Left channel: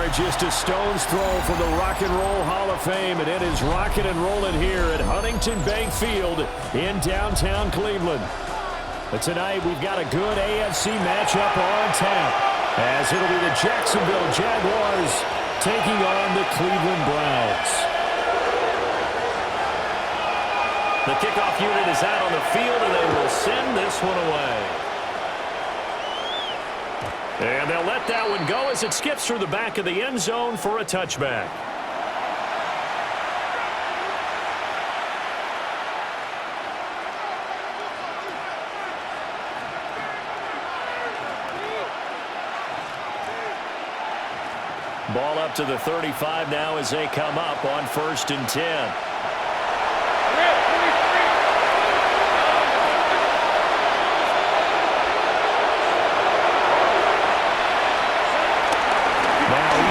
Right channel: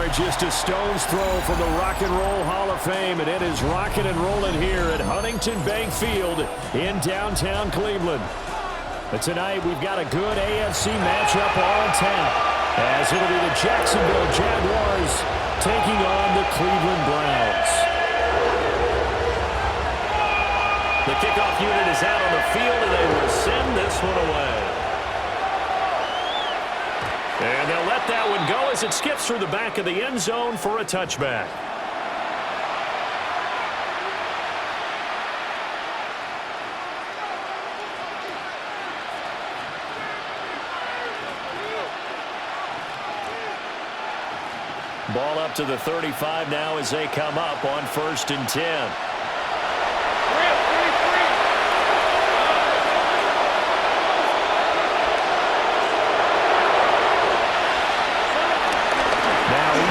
are just a stone's throw from the Rock and Roll Hall of Fame, and it is rocking and rolling here at Huntington Bank Field in downtown Cleveland. But tonight we've got a good AFC matchup on tap, as it'll be the Jacksonville Jaguars taking on the Cleveland Browns. The kickoff unit is out on the field, and they will send this one away. And they'll let that one go as it skips through the back of the end zone for a touchback. Ball up to the 35 now as they come up on 1st and 10.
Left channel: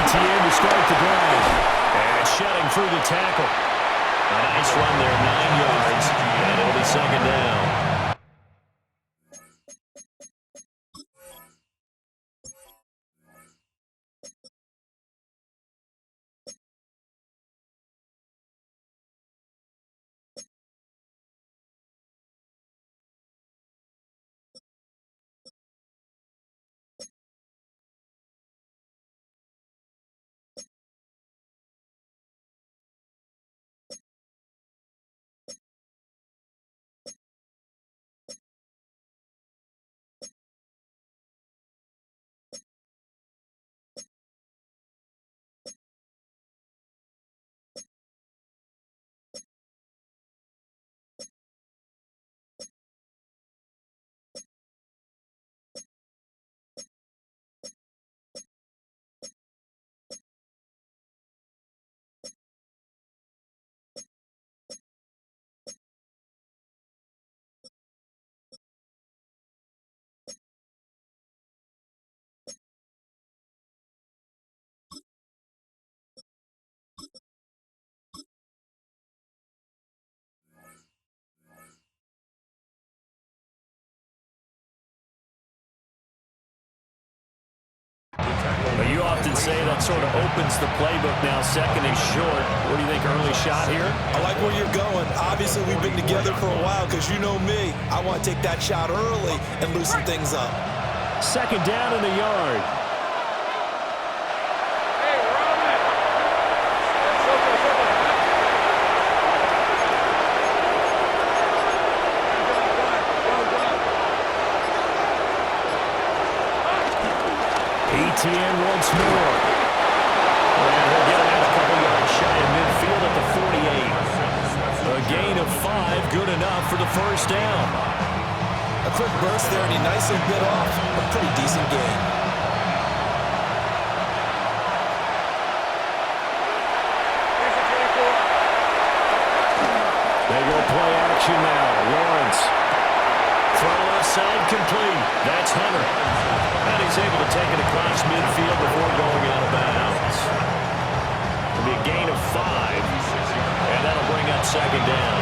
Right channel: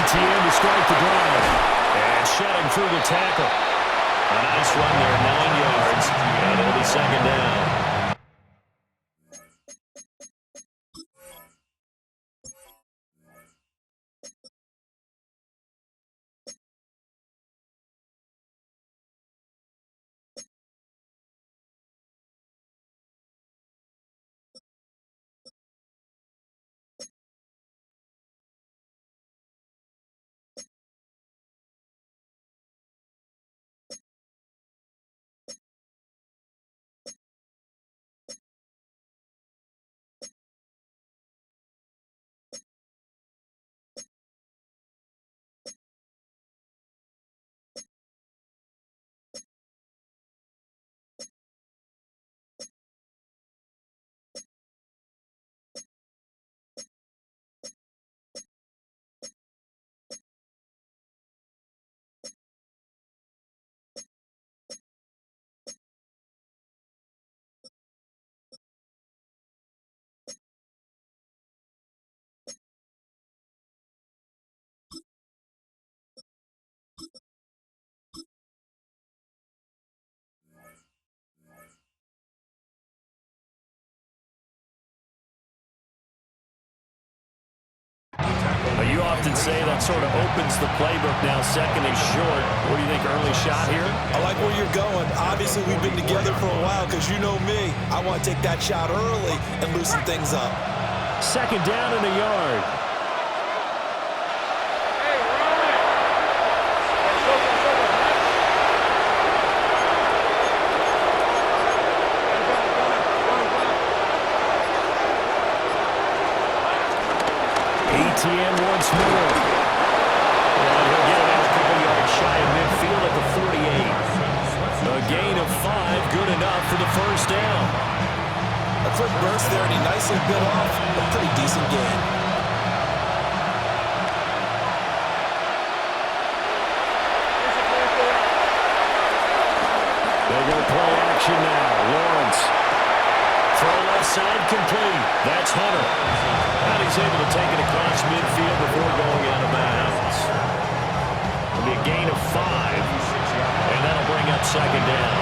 ETN to start the drive. And shedding through the tackle. A nice run there, 9 yards, and it'll be 2nd down. You often say that sort of opens the playbook now. 2nd and short. What do you think, early shot here? I like where you're going. Obviously, we've been together for a while because you know me. I want to take that shot early and loosen things up. 2nd down and a yard. ETN once more. And he'll get it out a couple yards shy of midfield at the 48. A gain of 5, good enough for the 1st down. A quick burst there, and he nicely bit off a pretty decent gain. They go play action now. Lawrence. Throw left side complete. That's Hunter. And he's able to take it across midfield before going out of bounds. It'll be a gain of 5. And that'll bring up 2nd down.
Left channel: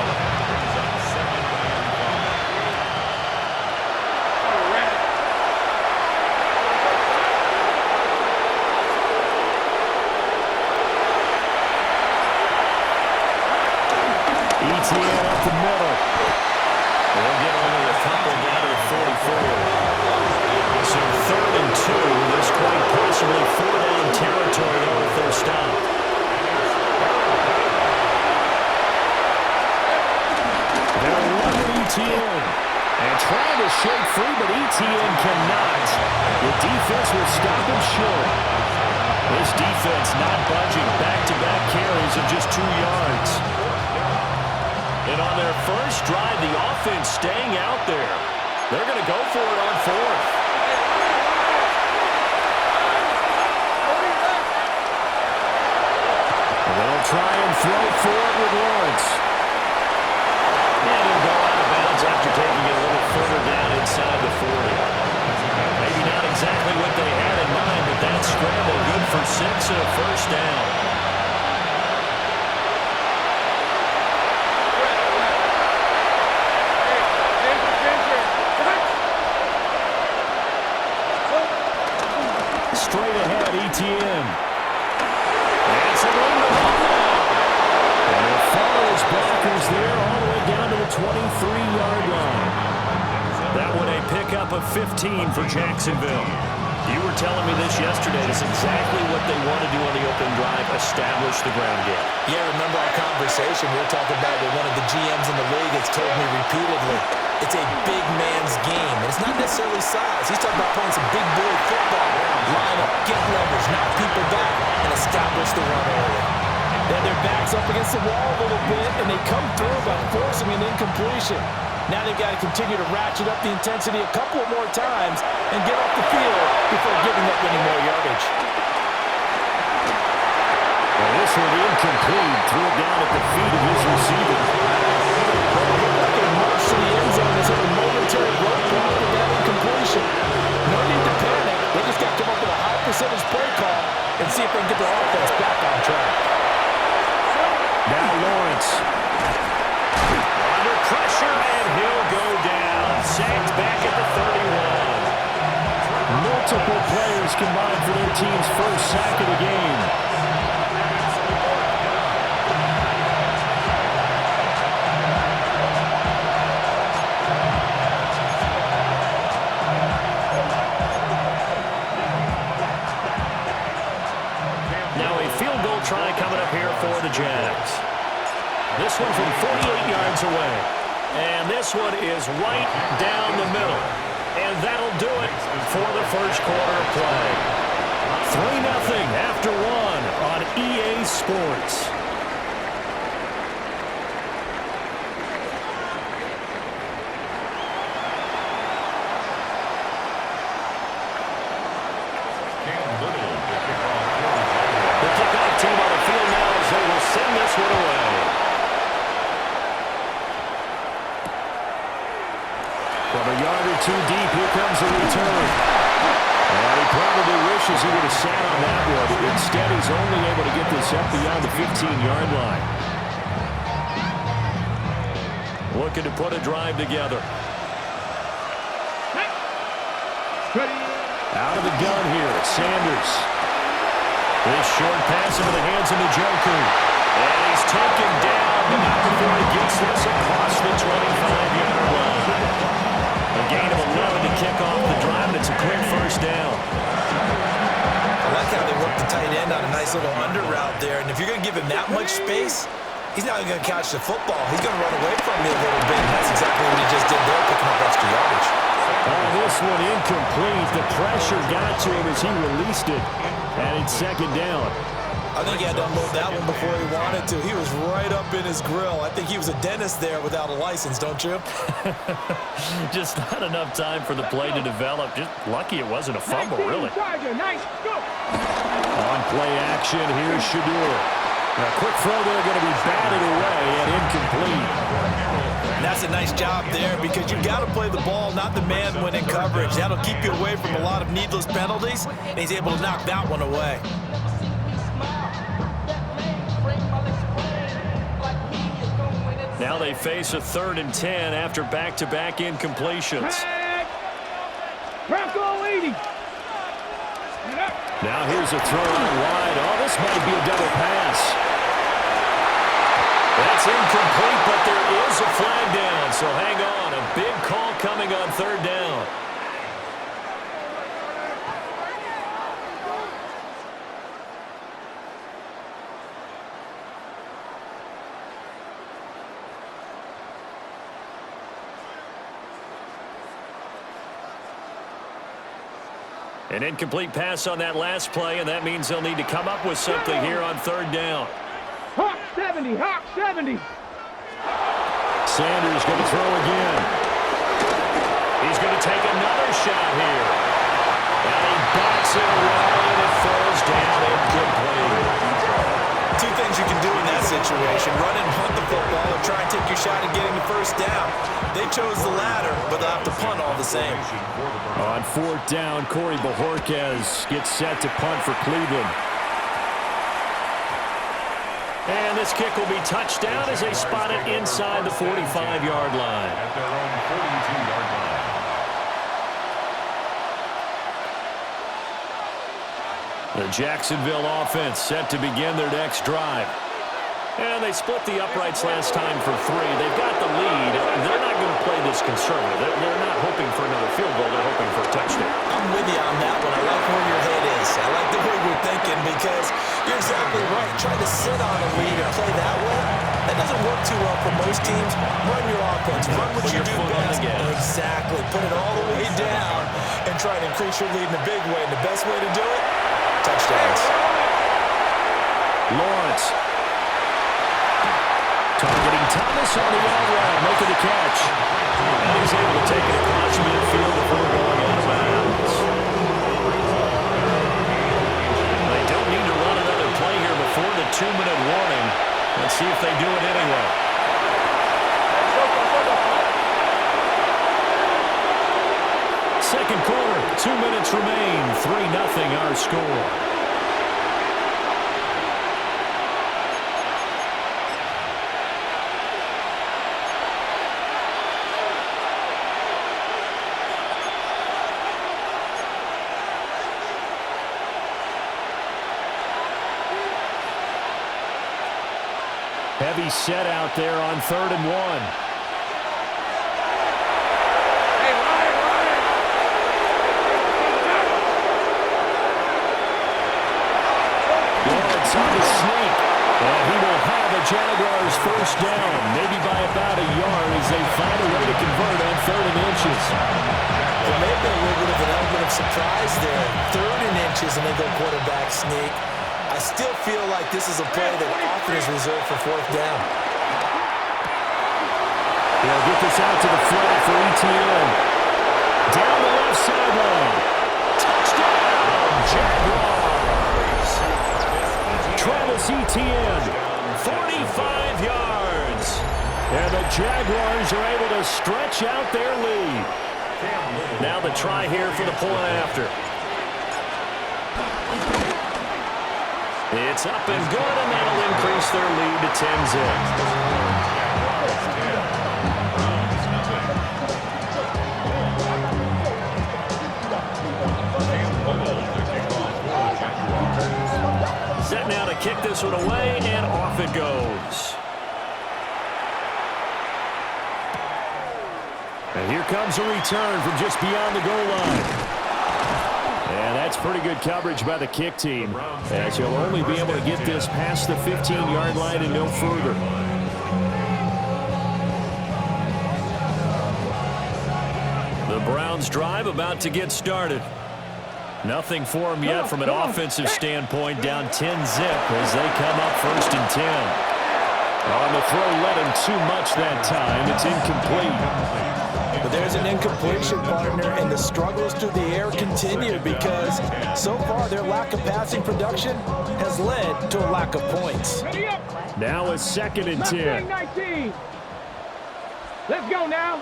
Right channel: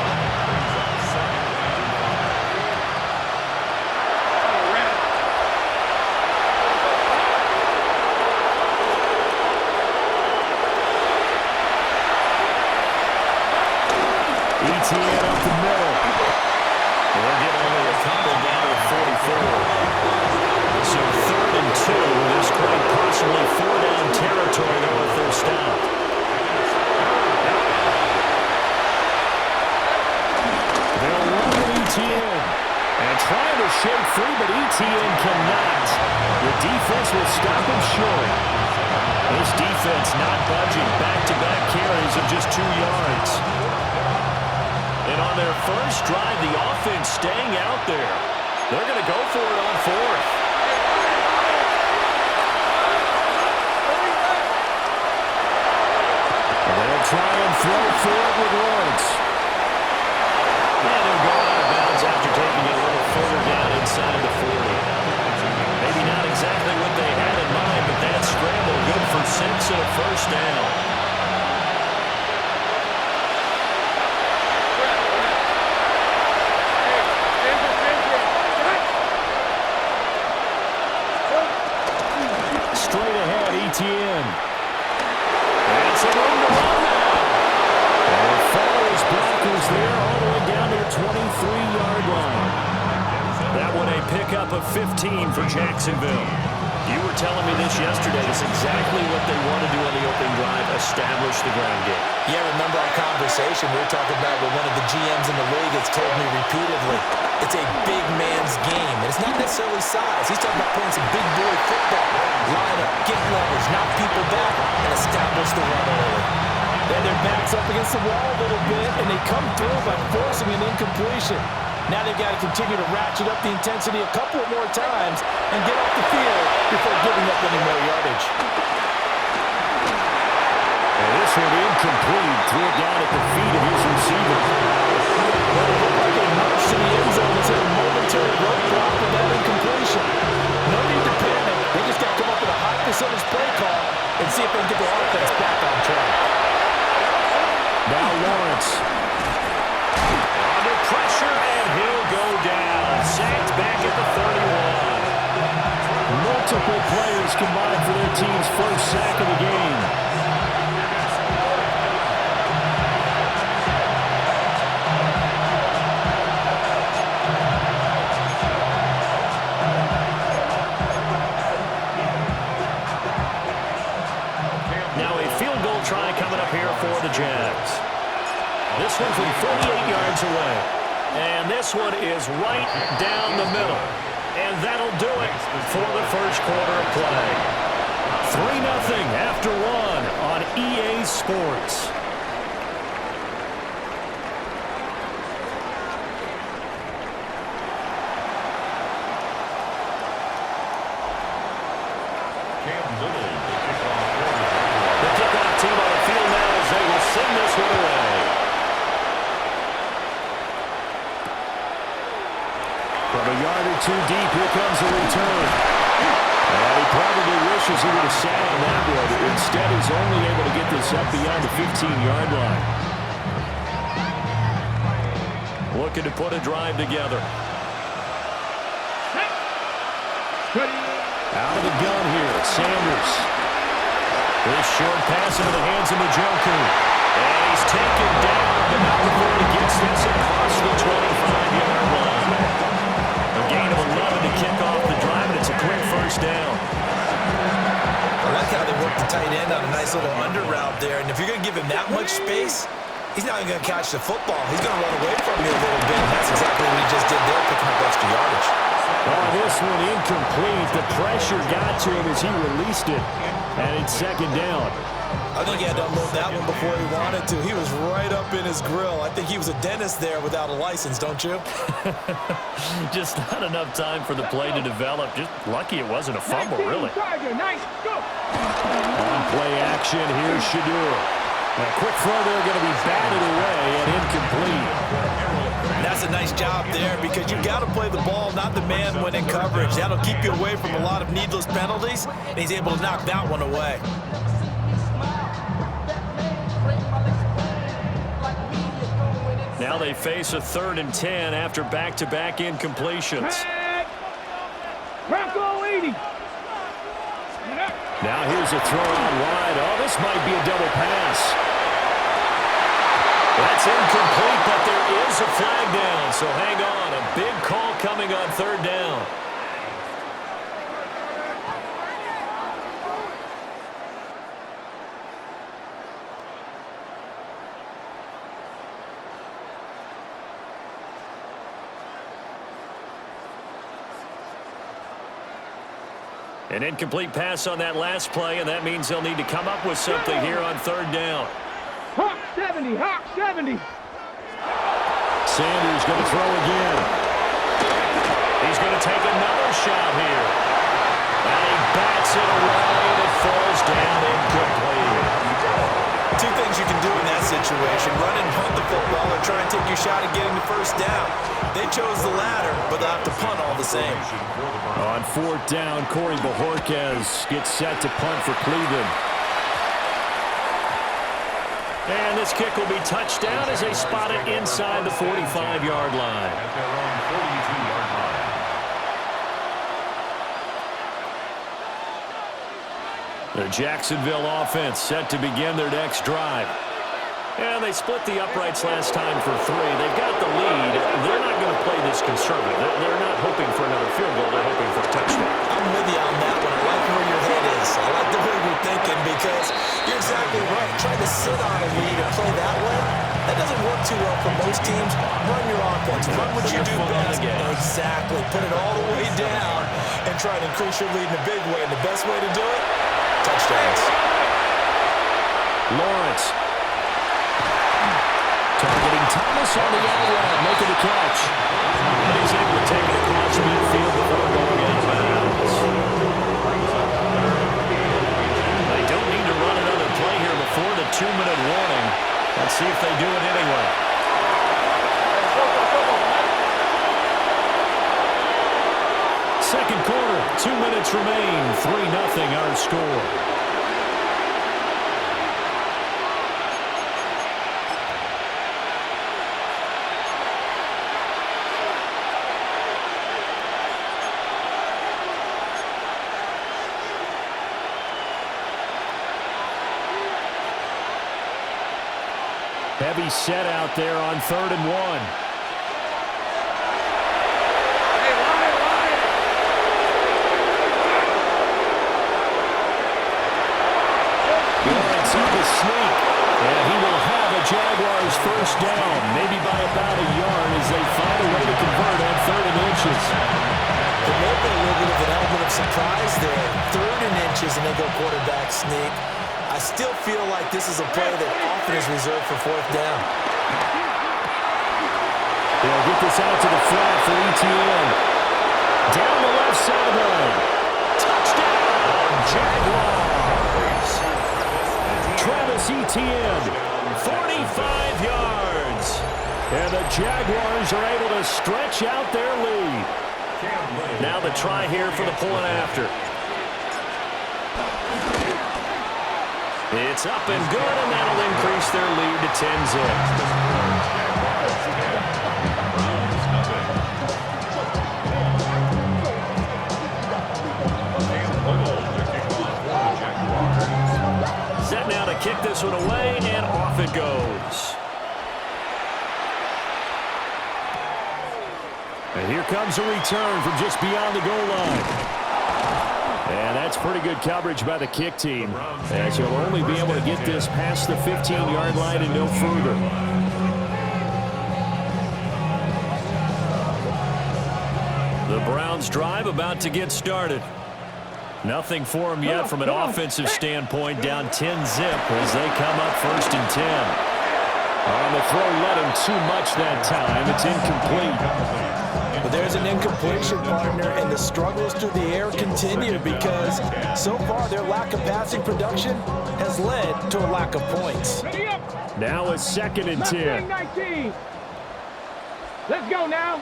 ETN up the middle. They'll get only a couple down to the 44. So 3rd and 2. This quite possibly 4-down territory, though, if they're stopped. They'll run with ETN. And trying to shake free, but ETN cannot. The defense will stop him short. This defense not budging. Back-to-back carries of just 2 yards. And on their first drive, the offense staying out there. They're going to go for it on 4th. And they'll try and throw for it with Lawrence. And he'll go out of bounds after taking it a little further down inside the 40. Maybe not exactly what they had in mind, but that scramble good for 6 and a 1st down. Straight ahead, ETN. Packers there all the way down to the 23-yard line. That one a pickup of 15 for Jacksonville. You were telling me this yesterday. That's exactly what they want to do on the opening drive, establish the ground game. Yeah, remember our conversation? We were talking about what one of the GMs in the league has told me repeatedly. It's a big man's game, and it's not necessarily size. He's talking about playing some big boy football. Line up, get leverage, knock people back, and establish the run early. They have their backs up against the wall a little bit, and they come through by forcing an incompletion. Now they've got to continue to ratchet up the intensity a couple more times and get off the field before giving up any more yardage. And this one incomplete. Threw it down at the feet of his receiver. Well, it looked like a march to the end zone has hit a momentary roadblock with that incompletion. No need to panic. They just got to come up with a high percentage play call and see if they can get their offense back on track. Now Lawrence. Under pressure, and he'll go down. Sacked back at the 31. Multiple players combined for their team's first sack of the game. Now a field goal try coming up here for the Jags. This one from 48 yards away. And this one is right down the middle. And that'll do it for the first quarter of play. 3-0 after one on EA Sports. The kickoff team on the field now as they will send this one away. From a yard or two deep, here comes a return. And he probably wishes he would have sat on that one. Instead, he's only able to get this up beyond the 15-yard line. Looking to put a drive together. Out of the gun here, Sanders. This short pass into the hands of Njoku. And he's taken down, but not before he gets this across the 25-yard line. A gain of 11 to kick off the drive, and it's a quick first down. I like how they work the tight end on a nice little under route there. And if you're going to give him that much space, he's not even going to catch the football. He's going to run away from you a little bit, and that's exactly what he just did there, picking up extra yardage. Oh, this one incomplete. The pressure got to him as he released it, and it's second down. I think he had to unload that one before he wanted to. He was right up in his grill. I think he was a dentist there without a license, don't you? Just not enough time for the play to develop. Just lucky it wasn't a fumble, really. On play action, here's Shadur. A quick throw there going to be batted away and incomplete. And that's a nice job there because you've got to play the ball, not the man when in coverage. That'll keep you away from a lot of needless penalties, and he's able to knock that one away. Now they face a 3rd and 10 after back-to-back incompletions. Bronco 80. Now here's a throw out wide. Oh, this might be a double pass. That's incomplete, but there is a flag down, so hang on. A big call coming on 3rd down. An incomplete pass on that last play, and that means they'll need to come up with something here on 3rd down. Hawk 70, Hawk 70. Sanders going to throw again. He's going to take another shot here. And he bats it away, and it falls down incomplete. Two things you can do in that situation: run and punt the football, or try and take your shot at getting the first down. They chose the latter, but they'll have to punt all the same. On 4th down, Corey Bojorquez gets set to punt for Cleveland. And this kick will be touched down as they spot it inside the 45-yard line. At their own 42-yard line. The Jacksonville offense set to begin their next drive. And they split the uprights last time for 3. They've got the lead. They're not going to play this conservative. They're not hoping for another field goal. They're hoping for a touchdown. I'm with you on that one. I like where your head is. I like the way you're thinking because you're exactly right. Trying to sit on a lead and play that way, that doesn't work too well for most teams. Run your offense. Run what you do best. Exactly. Put it all the way down and try to increase your lead in a big way. And the best way to do it, touchdowns. Lawrence. Targeting Thomas on the out route, making the catch. And he's able to take it across midfield before going out of bounds. They don't need to run another play here before the 2-minute warning. Let's see if they do it anyway. Second quarter, 2 minutes remain. 3-0 our score. Heavy set out there on 3rd and 1. Hey, Ryan! Lawrence on the sneak. And he will have a Jaguars first down, maybe by about a yard as they find a way to convert on 3rd and inches. There may have been a little bit of an element of surprise there. 3rd and inches and they go quarterback sneak. I still feel like this is a play that often is reserved for 4th down. They'll get this out to the flat for ETN. Down the left sideline. Touchdown, Jaguars. Travis Etienne, 45 yards. And the Jaguars are able to stretch out their lead. Now the try here for the point after. It's up and good, and that'll increase their lead to 10-zip. Set now to kick this one away, and off it goes. And here comes a return from just beyond the goal line. And that's pretty good coverage by the kick team, as he'll only be able to get this past the 15-yard line and no further. The Browns drive about to get started. Nothing for them yet from an offensive standpoint, down 10-zip as they come up 1st and 10. On the throw, led him too much that time. It's incomplete. But there's an incompletion, partner, and the struggles through the air continue because so far their lack of passing production has led to a lack of points. Now it's 2nd and 10. 19. Let's go now.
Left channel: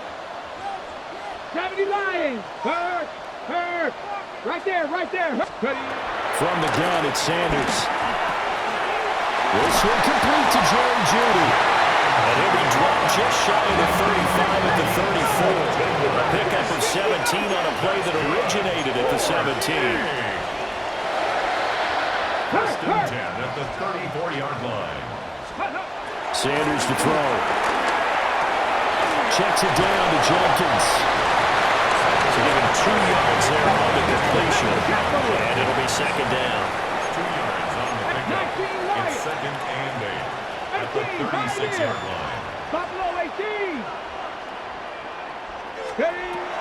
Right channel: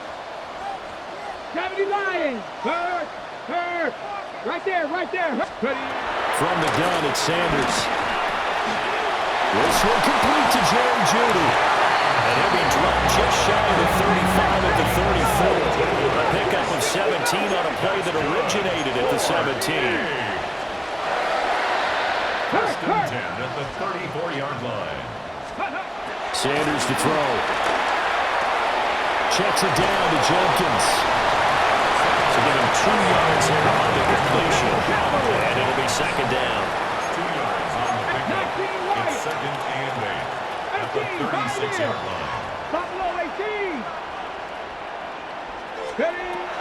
70 Lions. Hurt. Right there. From the gun, it's Sanders. This one complete to Jerry Jeudy. And he'll be dropped just shy of the 35 at the 34. A pickup of 17 on a play that originated at the 17. 1st and 10 at the 34-yard line. Sanders to throw. Checks it down to Jenkins. So give him 2 yards there on the completion. And it'll be 2nd down. 2 yards on the pickup. It's 2nd and 8 at the 36-yard line. Buffalo 18.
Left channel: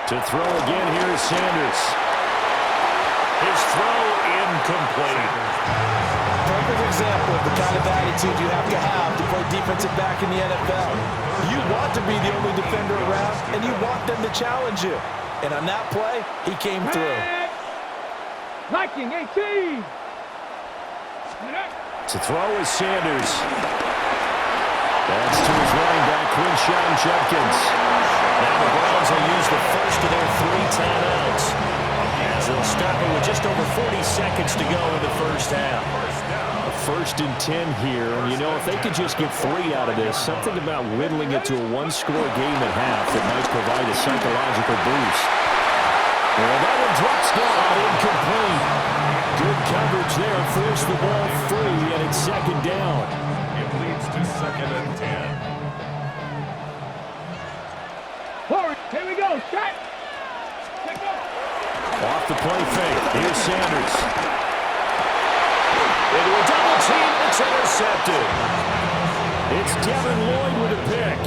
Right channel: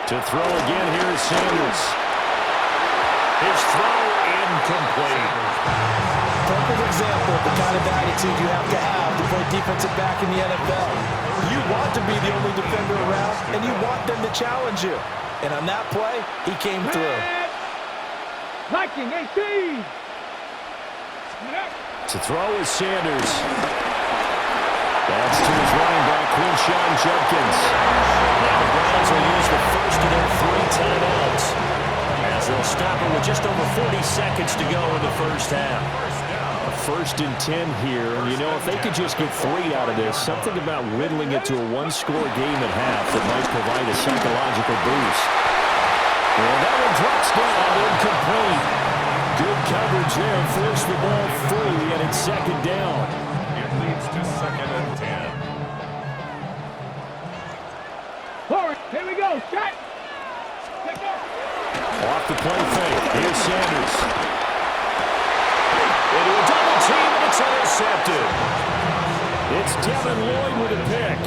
To throw again, here is Sanders. His throw incomplete. Perfect example of the kind of attitude you have to play defensive back in the NFL. You want to be the only defender around, and you want them to challenge you. And on that play, he came through. Viking 18. To throw is Sanders. That's to his running back, Quinshawn Judkins. Now the Browns will use the first of their 3 timeouts, as they'll stop it with just over 40 seconds to go in the first half. A 1st and 10 here, and you know, if they could just get 3 out of this, something about whittling it to a 1-score game at half that might provide a psychological boost. And that one drops down, incomplete. Good coverage there, forced the ball free, and it's 2nd down. It leads to 2nd and 10. Forward. Here we go. Shot. Take go. Off the play fake. Here's Sanders. Into a double team, and it's intercepted. It's Devin Lloyd with a pick.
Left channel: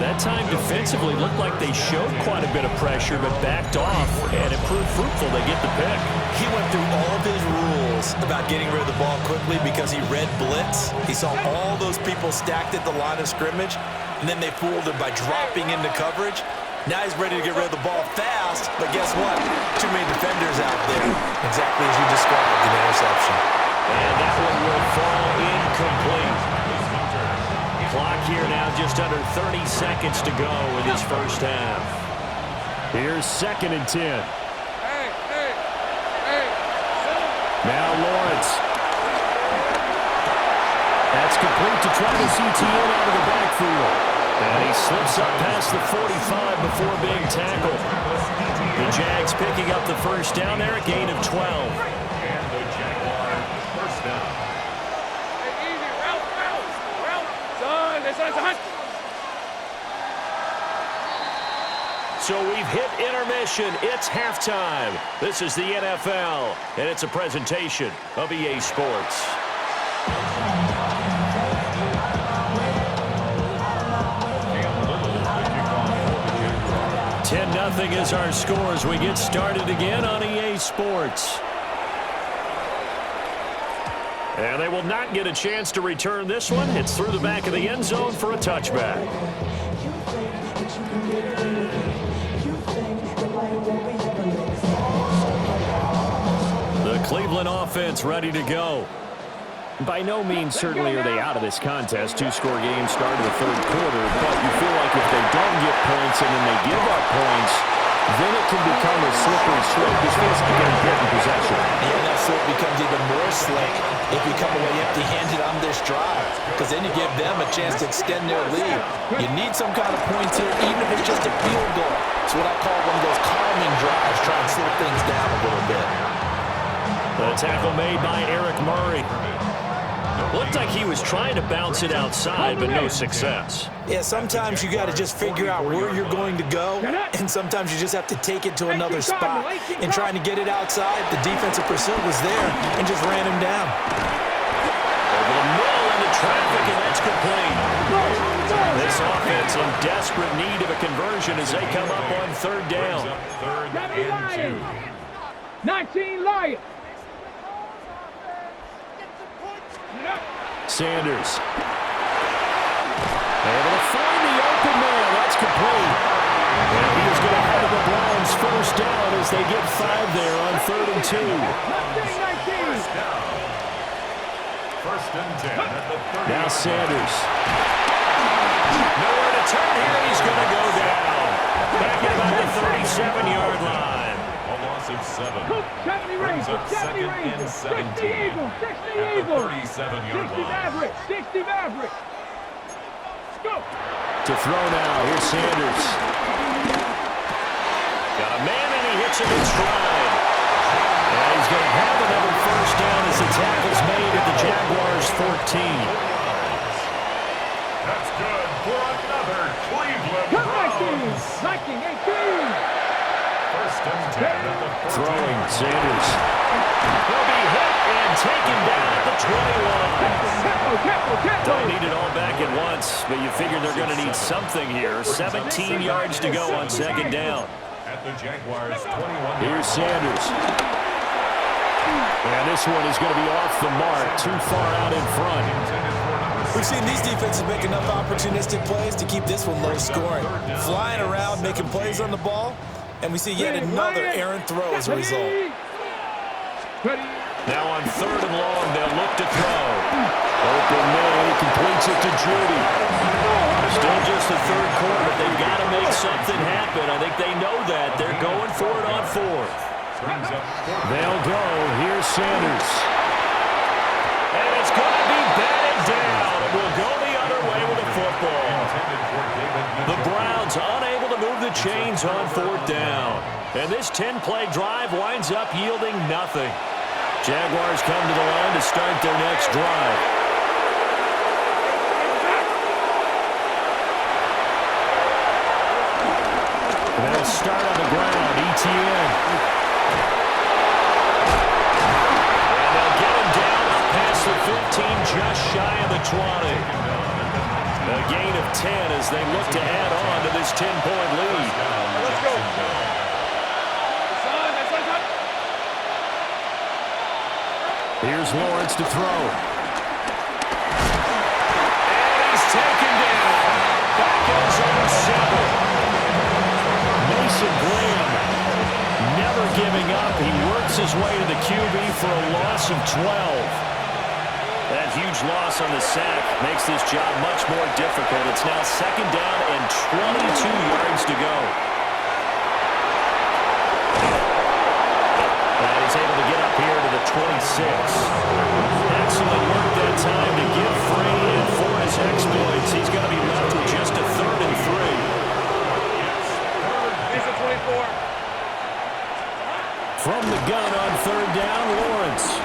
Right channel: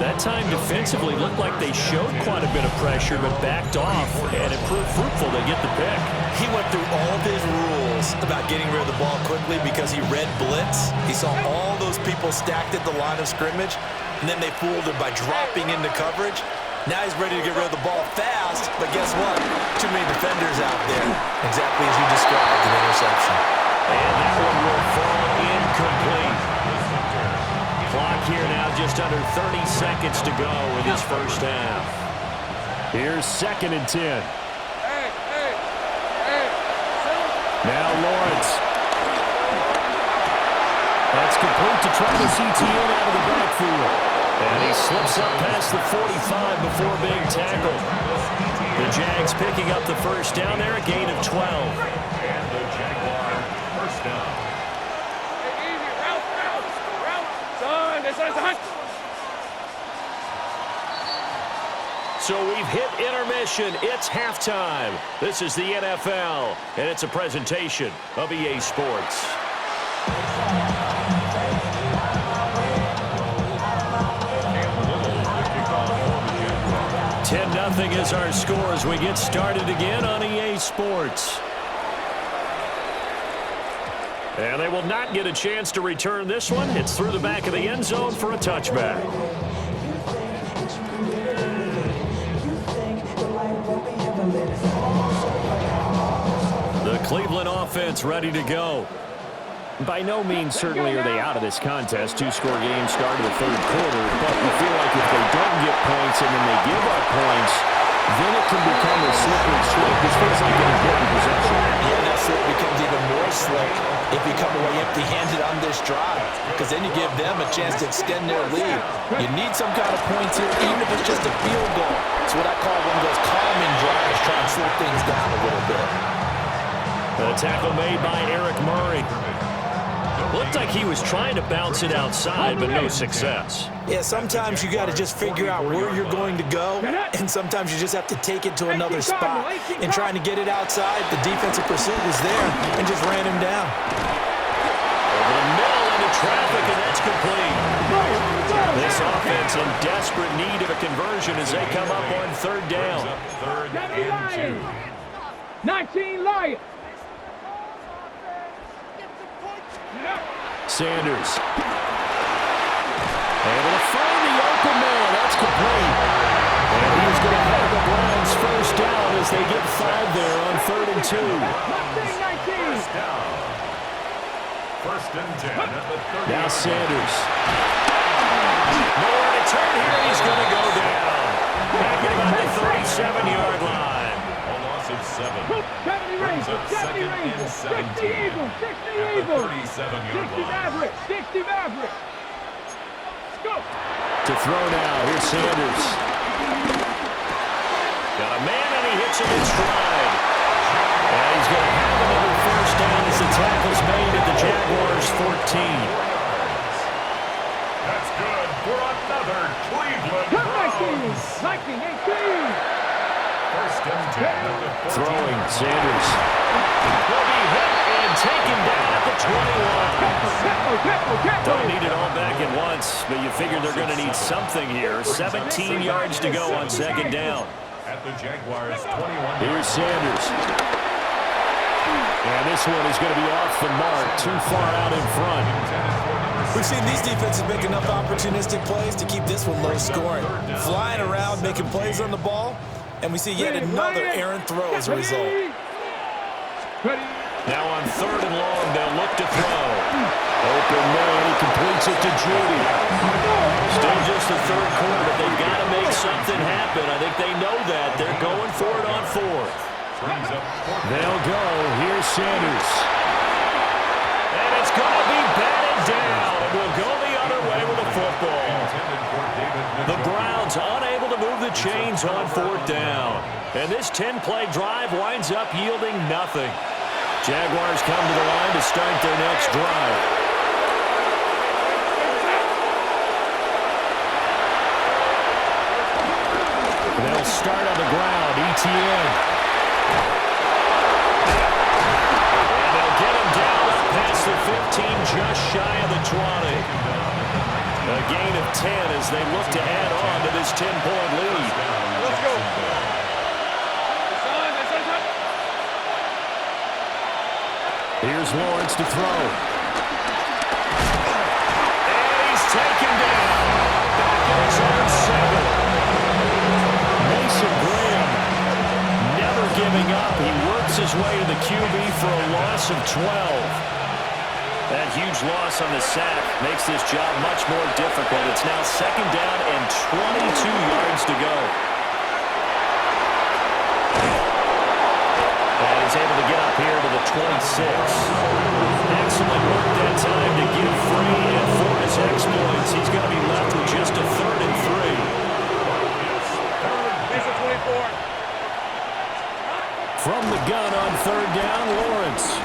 That time defensively looked like they showed quite a bit of pressure but backed off, and it proved fruitful. They get the pick. He went through all of his rules about getting rid of the ball quickly because he read blitz. He saw all those people stacked at the line of scrimmage, and then they fooled him by dropping into coverage. Now he's ready to get rid of the ball fast, but guess what? Too many defenders out there. Exactly as you described, an interception. And that one will fall incomplete. Clock here now just under 30 seconds to go in this first half. Here's 2nd and 10. Hey. Now Lawrence. That's complete to Travis Etienne out of the backfield. And he slips up past the 45 before being tackled. The Jags picking up the first down there, a gain of 12. And the Jaguar first down. Hey, easy. Route. Son, it's a hunt. So we've hit intermission. It's halftime. This is the NFL, and it's a presentation of EA Sports. 10-0 is our score as we get started again on EA Sports. And they will not get a chance to return this one. It's through the back of the end zone for a touchback. The Cleveland offense ready to go. By no means certainly are they out of this contest. Two-score game start of the third quarter, but you feel like if they don't get points and then they give up points, then it can become a slippery slope. This feels like an important possession. Yeah, and that slope becomes even more slick if you come away empty-handed on this drive, because then you give them a chance to extend their lead. You need some kind of points here, even if it's just a field goal. It's what I call one of those calming drives, try and slow things down a little bit. The tackle made by Eric Murray. Looked like he was trying to bounce it outside, but no success. Yeah, sometimes you got to just figure out where you're going to go, and sometimes you just have to take it to another spot. And trying to get it outside, the defensive pursuit was there and just ran him down. Over the middle into traffic, and that's complete. This offense in desperate need of a conversion as they come up on third down. 3rd and 2. 19 Lions. Sanders. Able to find the open man. That's complete. And he's going to have the Browns first down as they get 5 there on 3rd and 2. First down. 1st and 10 at the 30. Now Sanders. Nowhere to turn here. He's going to go down. Back at about the 37-yard line. A loss of 7. 70 Rangers, 70 Rangers, 60 Eagles, 60 Eagles, 37-yard 60 Mavericks, 60 Mavericks. Go. To throw now. Here's Sanders. Got a man, and he hits him in stride. And he's going to have another first down as the tackle's made at the Jaguars' 14. That's good for another Cleveland Browns. Viking 18. 1st and 10 at the 14. Throwing Sanders. He'll be hit and taken down at the 21. Don't need it all back at once, but you figure they're going to need something here. 17 yards to go on 2nd down. At the Jaguars' 21. Here's Sanders. And this one is going to be off the mark, too far out in front. We've seen these defenses make enough opportunistic plays to keep this one low scoring. Flying around, making plays on the ball, and we see yet another errant throw as a result. Now on 3rd and long, they'll look to throw. Open man, he completes it to Judy. Still just the third quarter, but they've got to make something happen. I think they know that. They're going for it on 4th. They'll go. Here's Sanders. And it's going to be batted down. It will go the other way with the football. The Browns unable to move the chains on 4th down. And this 10-play drive winds up yielding nothing. Jaguars come to the line to start their next drive. start on the ground. ETN. And they'll get him down up past the 15, just shy of the 20. A gain of 10 as they look to add on to this 10-point lead. Let's go. Here's Lawrence to throw. And he's taken down. Back at his own 7. Mason Graham never giving up. He works his way to the QB for a loss of 12. That huge loss on the sack makes this job much more difficult. It's now 2nd down and 22 yards to go. And he's able to get up here to the 26. Excellent work that time to give free, and for his exploits, he's going to be left with just a 3rd and 3. He's a 24. From the gun on 3rd down, Lawrence.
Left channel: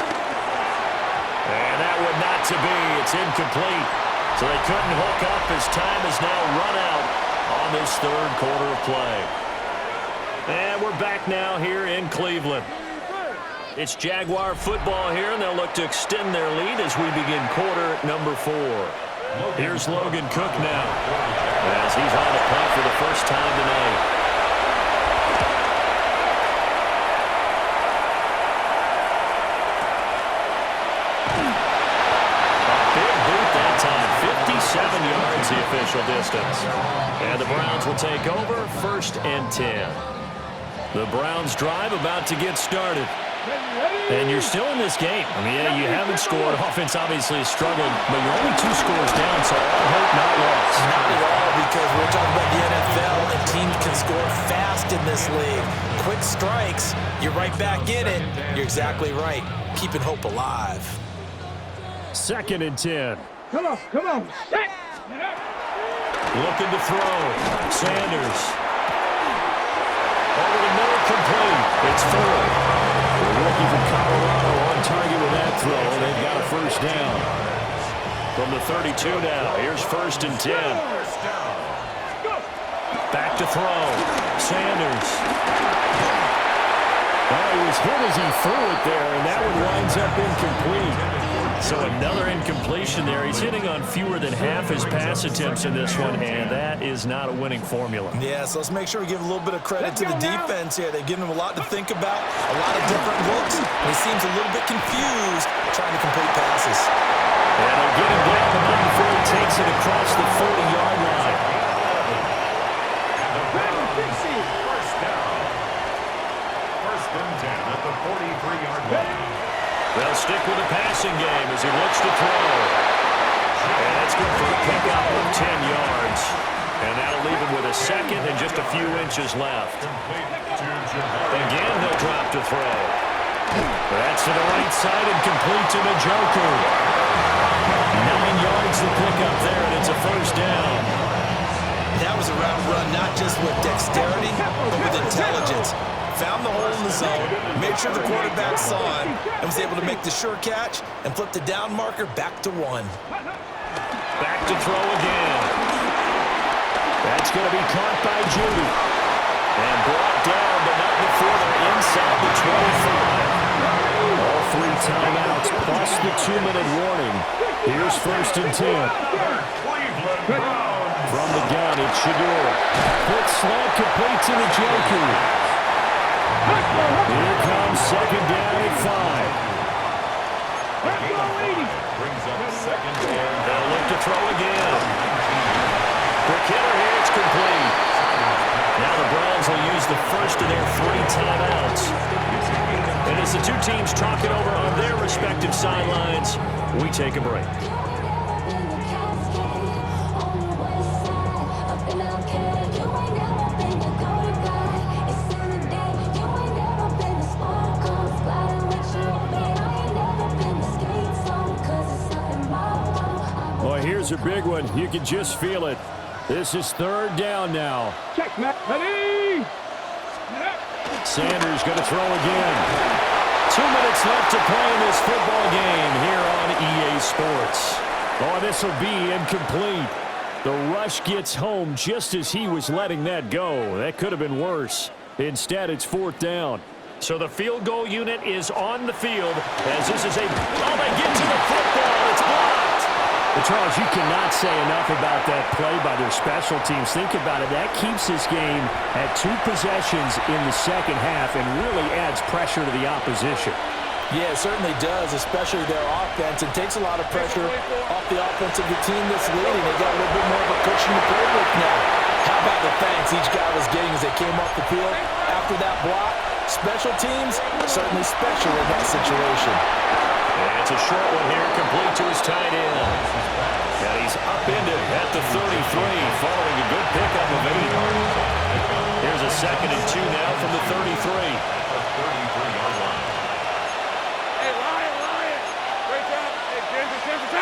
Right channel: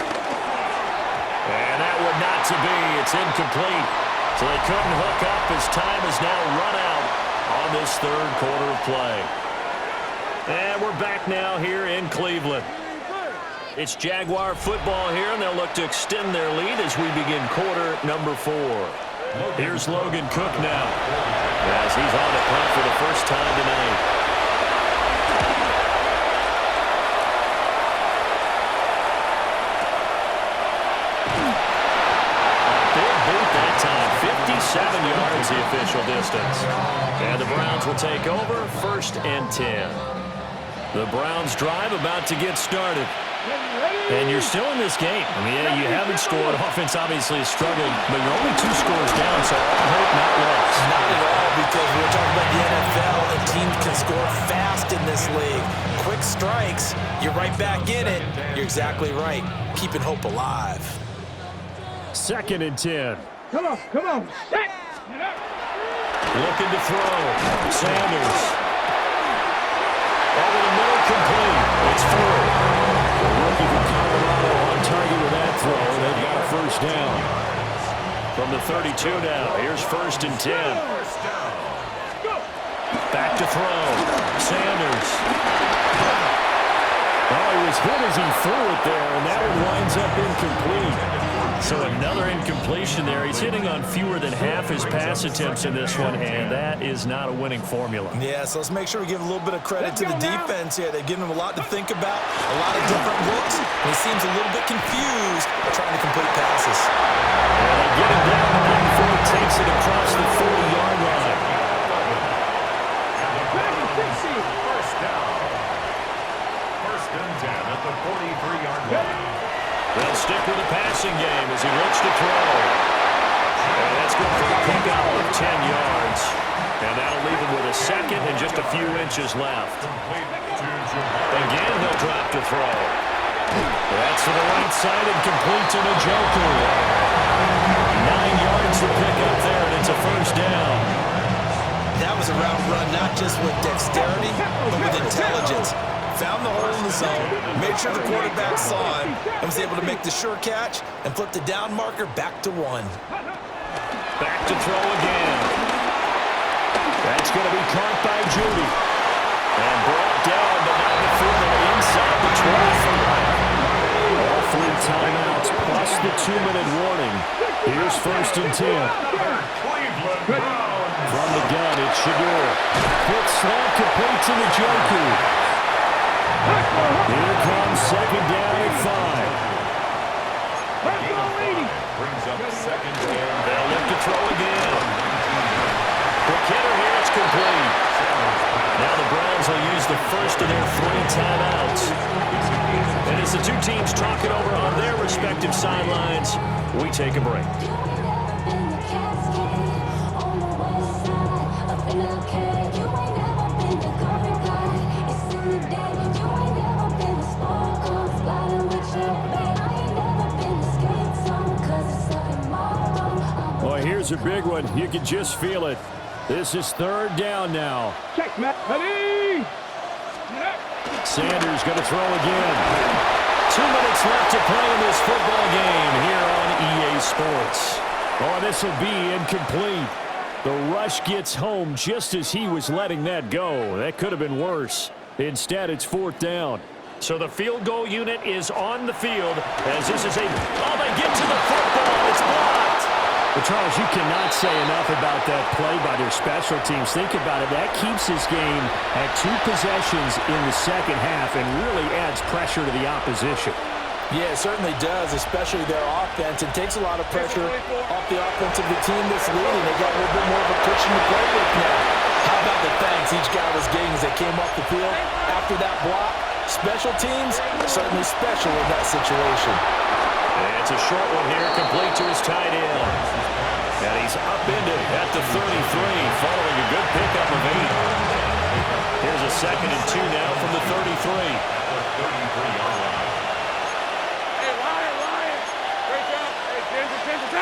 And that would not to be. It's incomplete. So they couldn't hook up as time has now run out on this 3rd quarter of play. And we're back now here in Cleveland. It's Jaguar football here, and they'll look to extend their lead as we begin quarter number 4. Here's Logan Cook now as he's on to punt for the first time tonight. Time, 57 yards the official distance. And the Browns will take over, 1st and 10. The Browns drive about to get started. And you're still in this game. I mean, yeah, you haven't scored. Offense obviously has struggled, but you're only 2 scores down, so all hope not lost. Not at all, because we're talking about the NFL, and teams can score fast in this league. Quick strikes, you're right back in it. You're exactly right. Keeping hope alive. 2nd and 10. Come on. Looking to throw. Sanders. Over the middle, complete. It's Ford. The rookie from Colorado on target with that throw. They've got a 1st down. From the 32 now, here's 1st and 10. Back to throw. Sanders. Oh, he was hit as he threw it there, and that one winds up incomplete. So another incompletion there. He's hitting on fewer than half his pass attempts in this one, and that is not a winning formula. Yeah, so let's make sure we give a little bit of credit to the defense here. They've given him a lot to think about, a lot of different looks, and he seems a little bit confused trying to complete passes. And they get him down. The 94 takes it across the 40-yard line. And the Browns, 1st down. 1st and 10 at the 43-yard line. They'll stick with the passing game as he looks to throw. And that's good for a pickup of 10 yards. And that'll leave him with a 2nd and just a few inches left. Again, he'll drop to throw. That's to the right side and complete to Njoku. 9 yards to pick up there, and it's a 1st down. That was a route run not just with dexterity, but with intelligence. Found the hole in the zone, made sure the quarterback saw him, and was able to make the sure catch and flip the down marker back to 1. Back to throw again. That's going to be caught by Judy. And brought down, but not before they're inside the 25. All 3 timeouts plus the 2-minute warning. Here's 1st and 10. From the gun, it's Shador. Quick slant complete to Njoku. Here comes 2nd down at 5. Brings up 2nd and They'll look to throw again. Quick hitter here, it's complete. Now the Browns will use the first of their 3 timeouts. And as the 2 teams talk it over on their respective sidelines, we take a break. Here's a big one. You can just feel it. This is 3rd down now. Check, Matt. Ready? Sanders going to throw again. 2 minutes left to play in this football game here on EA Sports. Oh, this will be incomplete. The rush gets home just as he was letting that go. That could have been worse. Instead, it's 4th down. So the field goal unit is on the field as this is they get to the football. It's blocked. Well, Charles, you cannot say enough about that play by their special teams. Think about it. That keeps this game at 2 possessions in the second half and really adds pressure to the opposition. Yeah, it certainly does, especially their offense. It takes a lot of pressure off the offense of the team that's leading. They got a little bit more of a cushion to play with now. How about the thanks each guy was getting as they came off the field after that block? Special teams, certainly special in that situation. It's a short one here, complete to his tight end. And he's upended at the 33, following a good pickup of 8. Here's a 2nd and 2 now from the 33. At the 33-yard line. Hey, Lion. Great job. Hey, 10 for 10.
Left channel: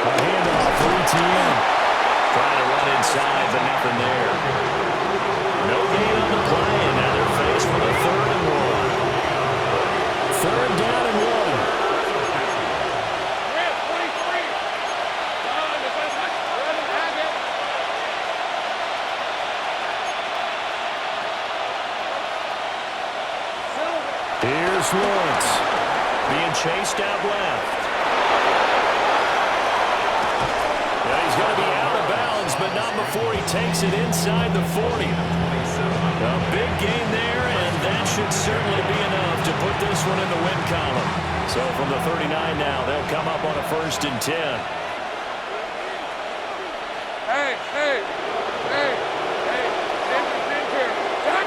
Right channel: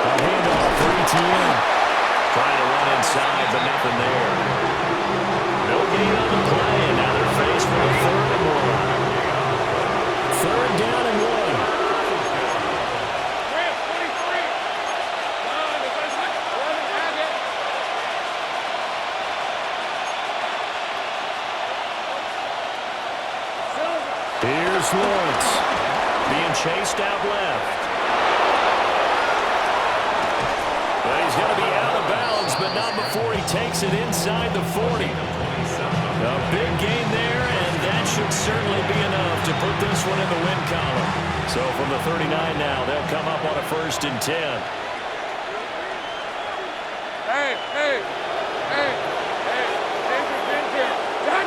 A handoff for ETN. Trying to run inside, but nothing there. No gain on the play, and now they're faced with a 3rd and 1. 3rd down and 1. Rip, 23. Done. It's a touch. Run and have it. Silver. Here's Lawrence. Being chased out left. Yeah, he's going to be out of bounds, but not before he takes it inside the 40. A big gain there, and that should certainly be enough to put this one in the win column. So from the 39 now, they'll come up on a 1st and 10. Hey. Ginger. Done.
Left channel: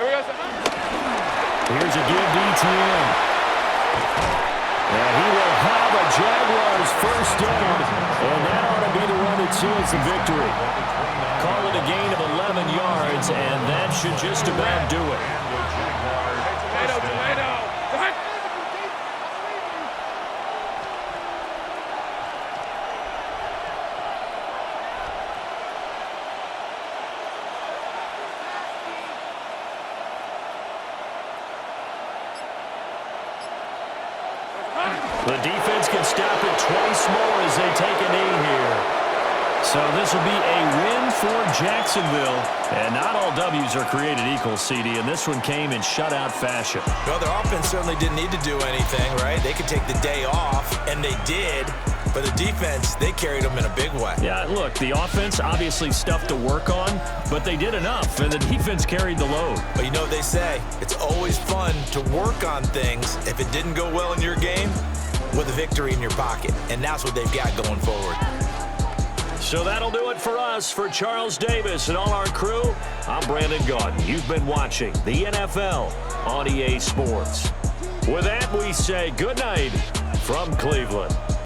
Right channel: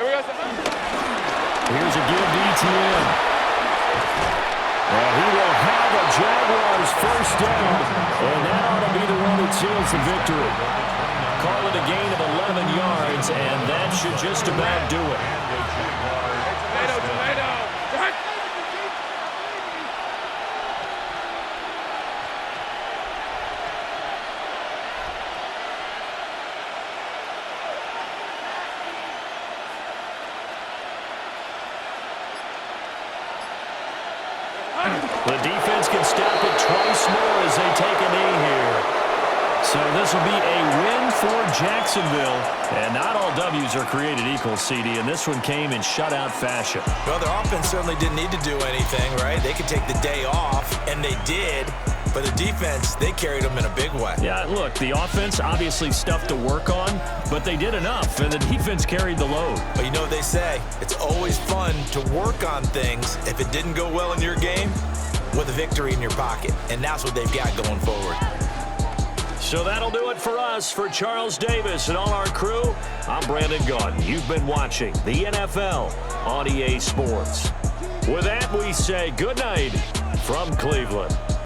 Here we go. Here's a give to ETN. And he will have a Jaguars 1st down, and that ought to be the one that seals the victory. Call it a gain of 11 yards, and that should just about do it. Hey, tomato. Done. The defense can stop it twice more as they take a knee here. So this will be a win for Jacksonville. And not all W's are created equal, CD, and this one came in shutout fashion. Well, their offense certainly didn't need to do anything, right? They could take the day off, and they did. But the defense, they carried them in a big way. Yeah, look, the offense obviously stuff to work on, but they did enough, and the defense carried the load. But you know what they say? It's always fun to work on things if it didn't go well in your game with a victory in your pocket. And that's what they've got going forward. So that'll do it for us. For Charles Davis and all our crew, I'm Brandon Gaudin. You've been watching the NFL on EA Sports. With that, we say good night from Cleveland.